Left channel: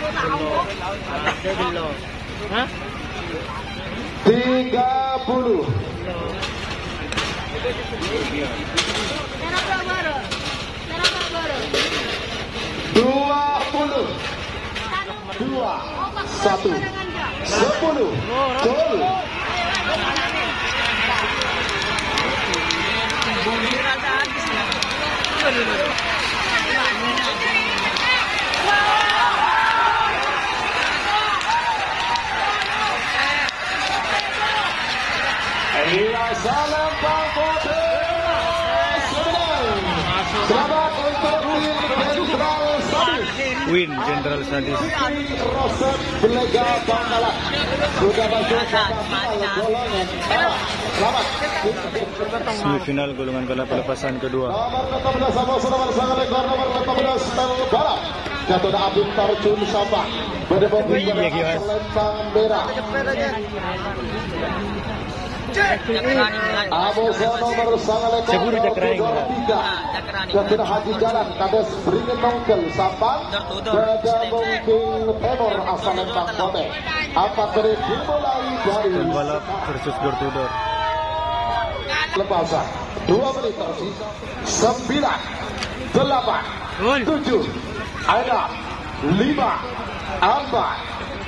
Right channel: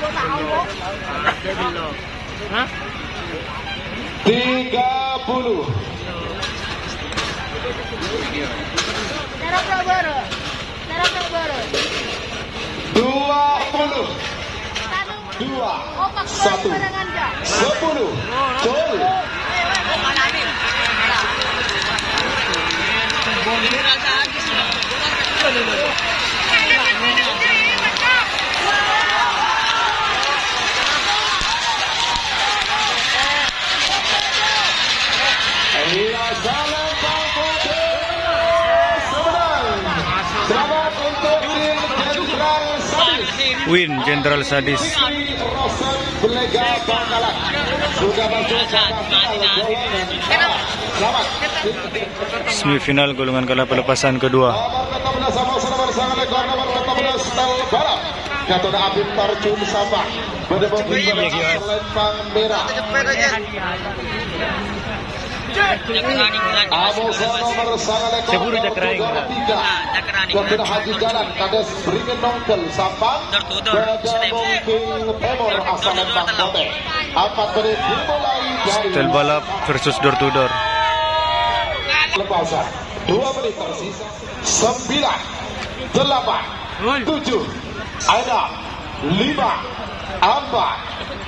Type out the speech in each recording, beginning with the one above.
30. 20. 2, 1, 10. Gol. Win Jenderal Sadis. Semifinal golongan kalah pelepasan kedua. Gatot Abim Tarjun Sabah Lempang Merah. Amosa nomor sangat Sepuluh Jakarani. Gatot Haji Jalan Kades Beringin Nongkel Sampang Beda Mungking Temor asal Lempang Kote. Apa beri dimulai dari Setel balap versus door to door. Lepasan 2 menit tersisa. 9, 8, 7, 6, 5, 4,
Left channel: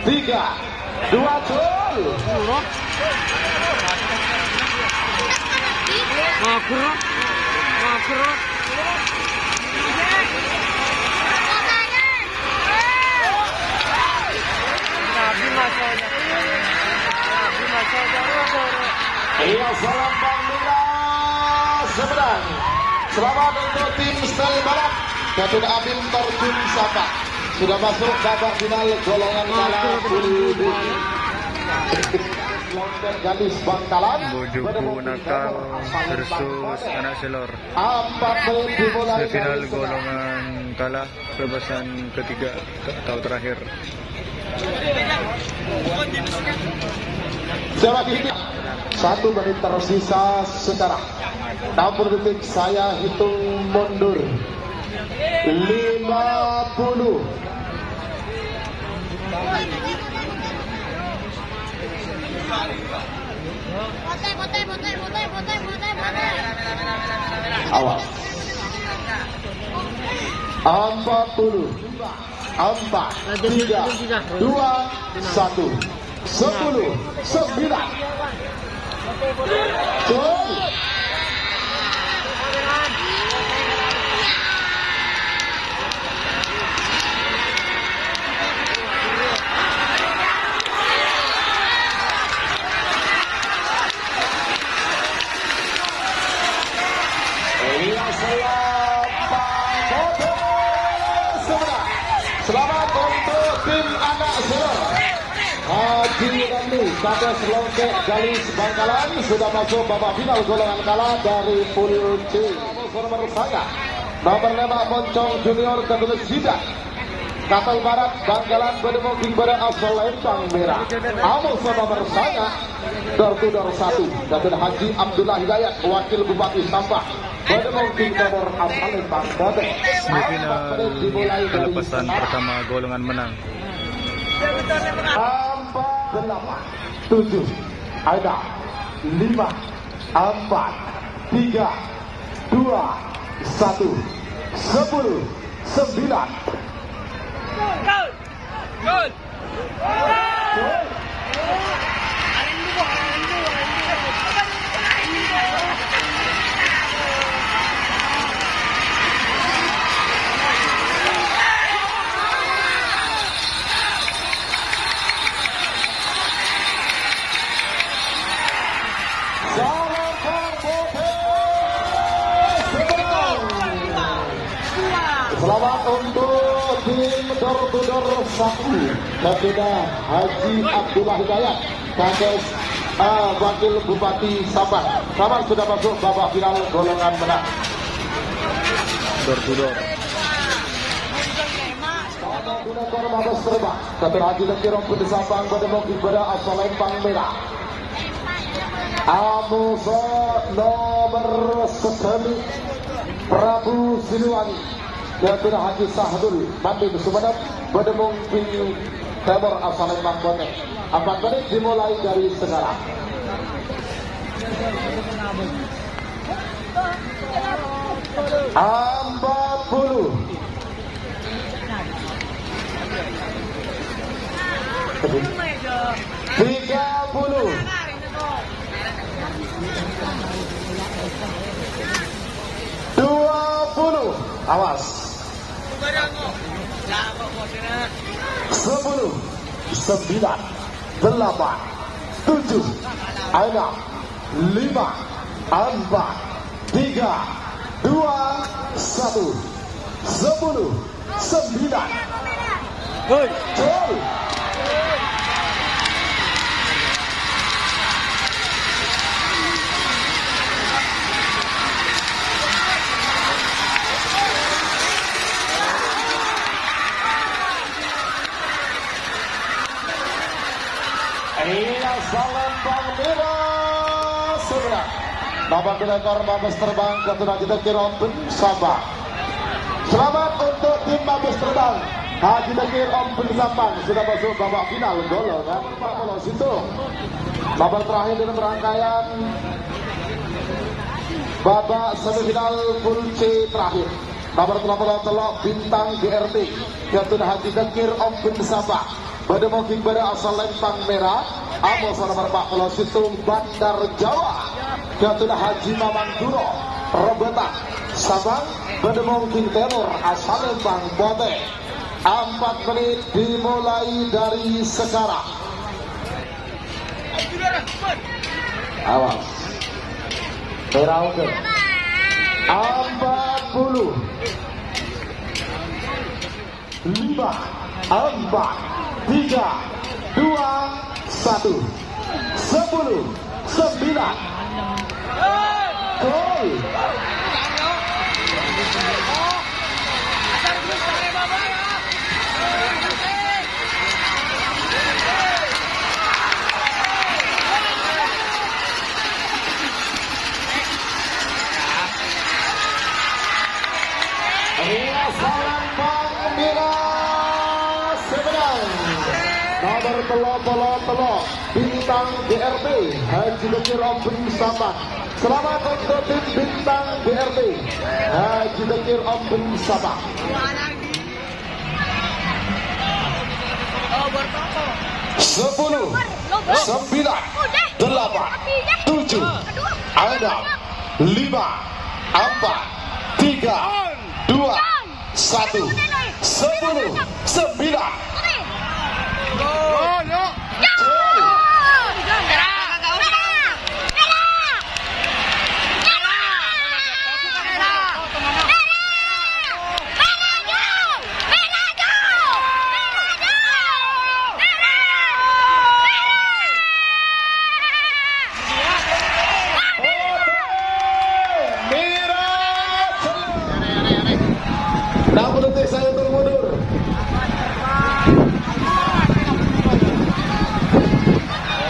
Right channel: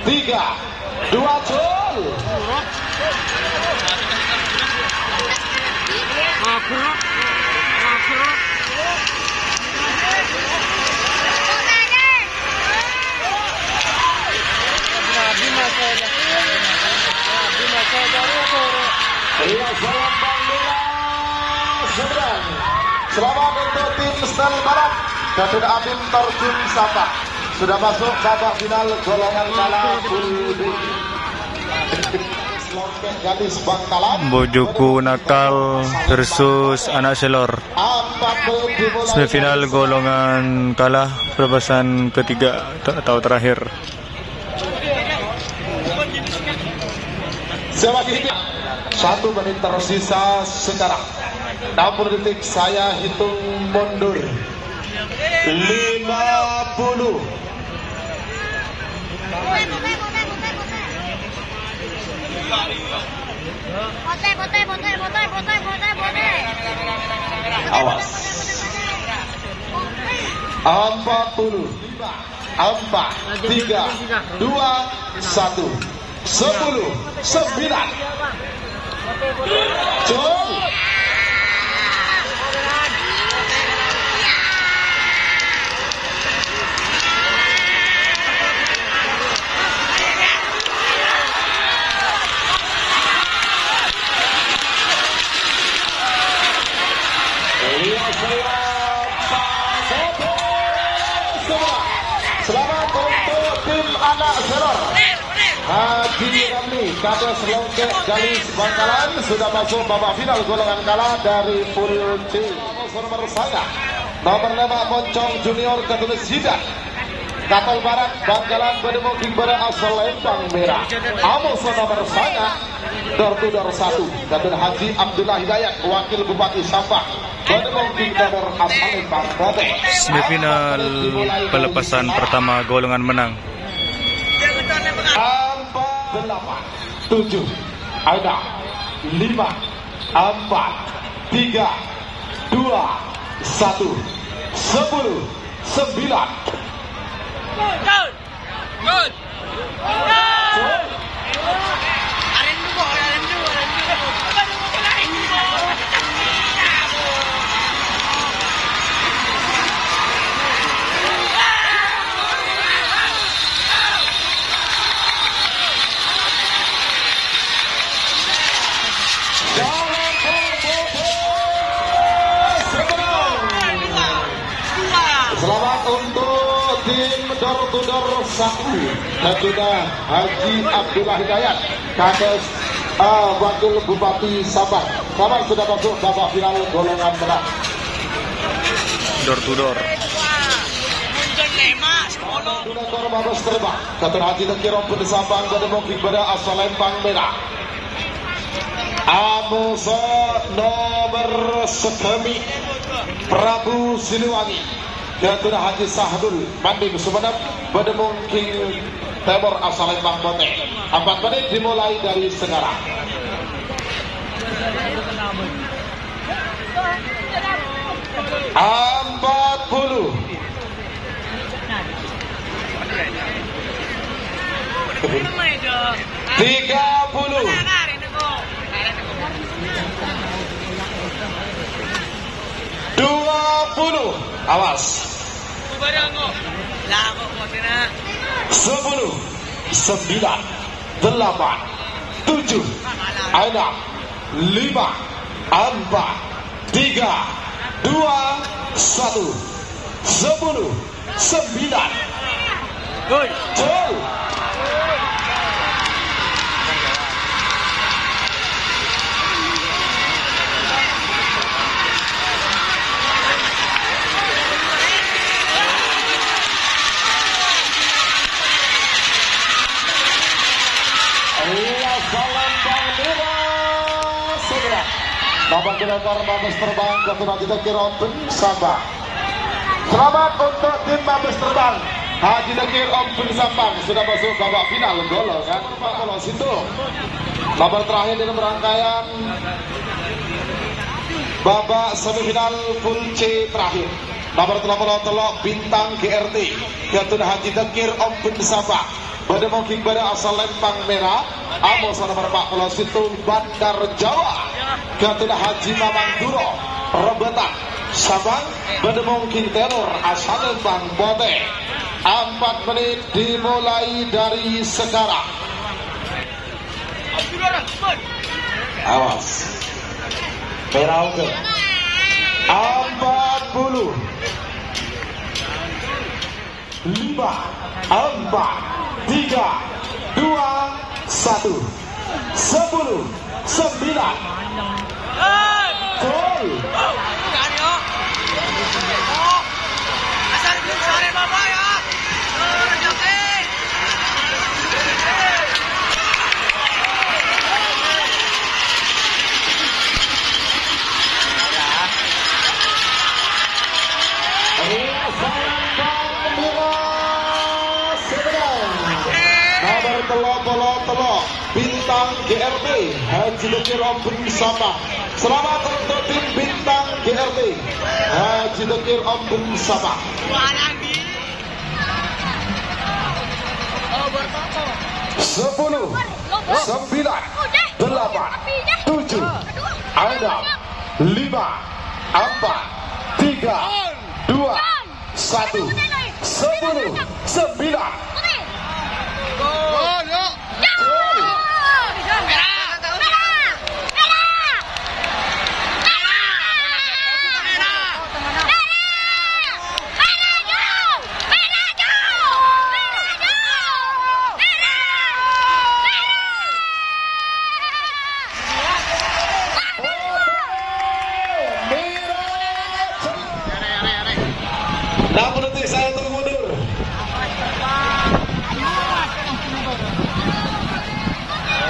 3, 2, gol. Iya, salam Bangla seberang. Selamat untuk tim Stel Barat. Gatot Abim Tarjun Sabah sudah masuk babak final golongan kalah Gadis Bangkalan. Bojoku Nakal versus Anak Selor. Semifinal golongan kalah pelepasan ketiga atau terakhir. Selanjutnya 1 menit tersisa sekarang. 60 detik saya hitung mundur. 50. Awas. 40. 4, 3, 2, 1. 10, 9. Gol. Selamat untuk tim Anak Selor. Haji Rani Kades Lengkek Galis Bangkalan sudah masuk babak final golongan kalah dari pool D. Nomor 1 nomor 5 Moncong Junior Katulis Hidat. Kapal Barat Bangkalan Bedemok Bimbara asal Lempang Merah. Amos nomor 1 door to door 1 Gatot Haji Abdullah Hidayat Wakil Bupati Sampang. Semifinal pelepasan pertama golongan menang. 8, 7, 6, 5, 4, 3, 2, 1, 10, 9. Selamat untuk tim door to door 1 Gatot Haji Abdullah Hidayat Kades Wakil Bupati Sabang. Sabang sudah masuk babak final golongan menang. Door to door. Donator Mabes Terbang Gatot Haji Tekirong Putih Sabang Bedemok Ibadah asal Lempang Merah. Amusa nomor 9 Prabu Siliwangi Ketua Haji Sahdul Manding Sumenep Bedemung King Timur asal Lembang Bote. 4 menit dimulai dari sekarang. Empat puluh. 20. Awas. 10, 9, 8, 7, 6, 5, 4, 3, 2, 1. 10, 9. Gol. Lembang merah segera. Babak kedua Mabes terbang ke Haji Dekir Ompun Sabang. Selamat untuk tim Mabes terbang Haji Dekir Ompun Sabang sudah masuk babak final golongan Pak Polo Situ. Babak terakhir dalam rangkaian babak semifinal full C terakhir. Nomor 30 bintang GRT Ketua Haji Dekir Ompun Sabang. Pada mungkin pada asal Lembang merah, Amos nomor 40 Situ Bandar Jawa. Ketua Haji Mamang Duro Rebetan Sabang. Pada mungkin tenor asal Lembang Bote. 4 menit dimulai dari sekarang. Awas. Berauke. 40. 5, 4, 3, 2, 1. 10, 9. Gol. Telo bintang GRT Haji Dekir Ompun Sabang. Selamat untuk tim bintang GRT Haji Dekir Ompun Sabang. 10, 9, 8, 7, 6, 5, 4, 3, 2, 1. 10, 9. Namun detik saya termundur.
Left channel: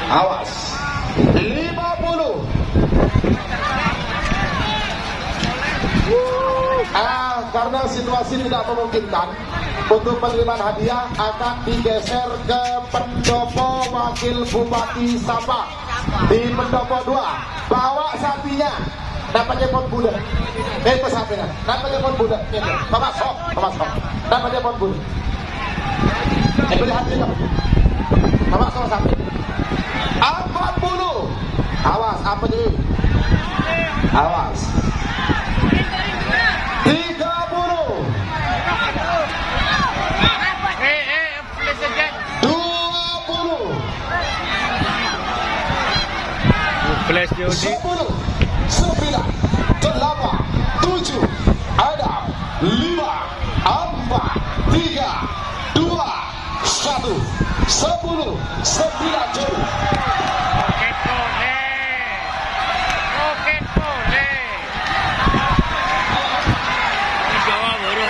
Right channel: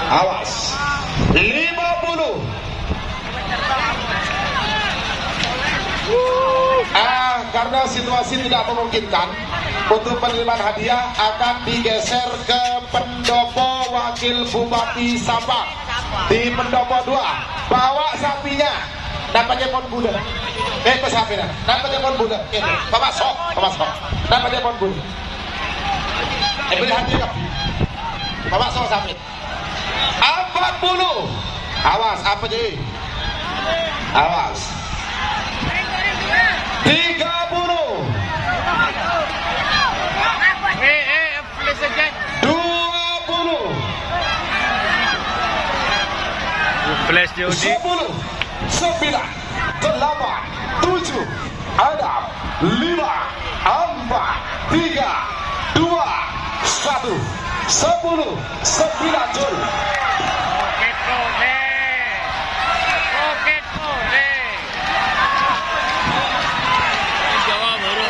Awas. 50. Karena situasi tidak memungkinkan untuk penerimaan hadiah akan digeser ke pendopo Wakil Bupati Sabang. Di pendopo 2 bawa sapinya. Nampaknya pon budak. Pesapina. Nampaknya pon budak. Ini. Bapak sok. Nampaknya pon budak. Beri hati kamu. Bapak sok sapi. 40. Awas apa jadi? Awas. 30. 20. Flash DOD. 10, 9, 8, 7, 6, 5, 4, 3, 2, 1. 10, 9 gol. Roket boleh. Jawa baru.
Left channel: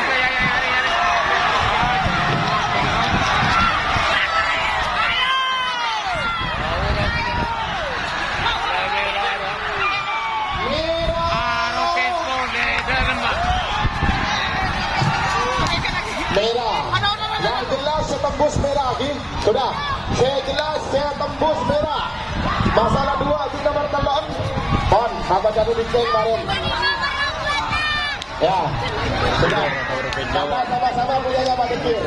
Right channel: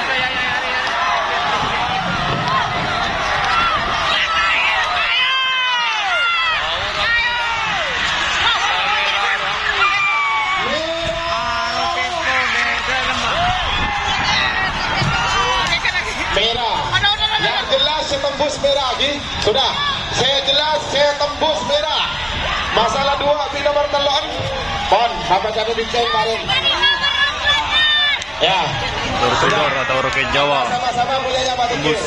merah. Yang jelas saya tembus merah lagi. Sudah. Saya jelas saya tembus merah. Masalah 2 di nomor telan. Pon, apa jadi bincang kemarin? Ya. Roket atau roket Jawa. Sama-sama punyanya Pak Tekir.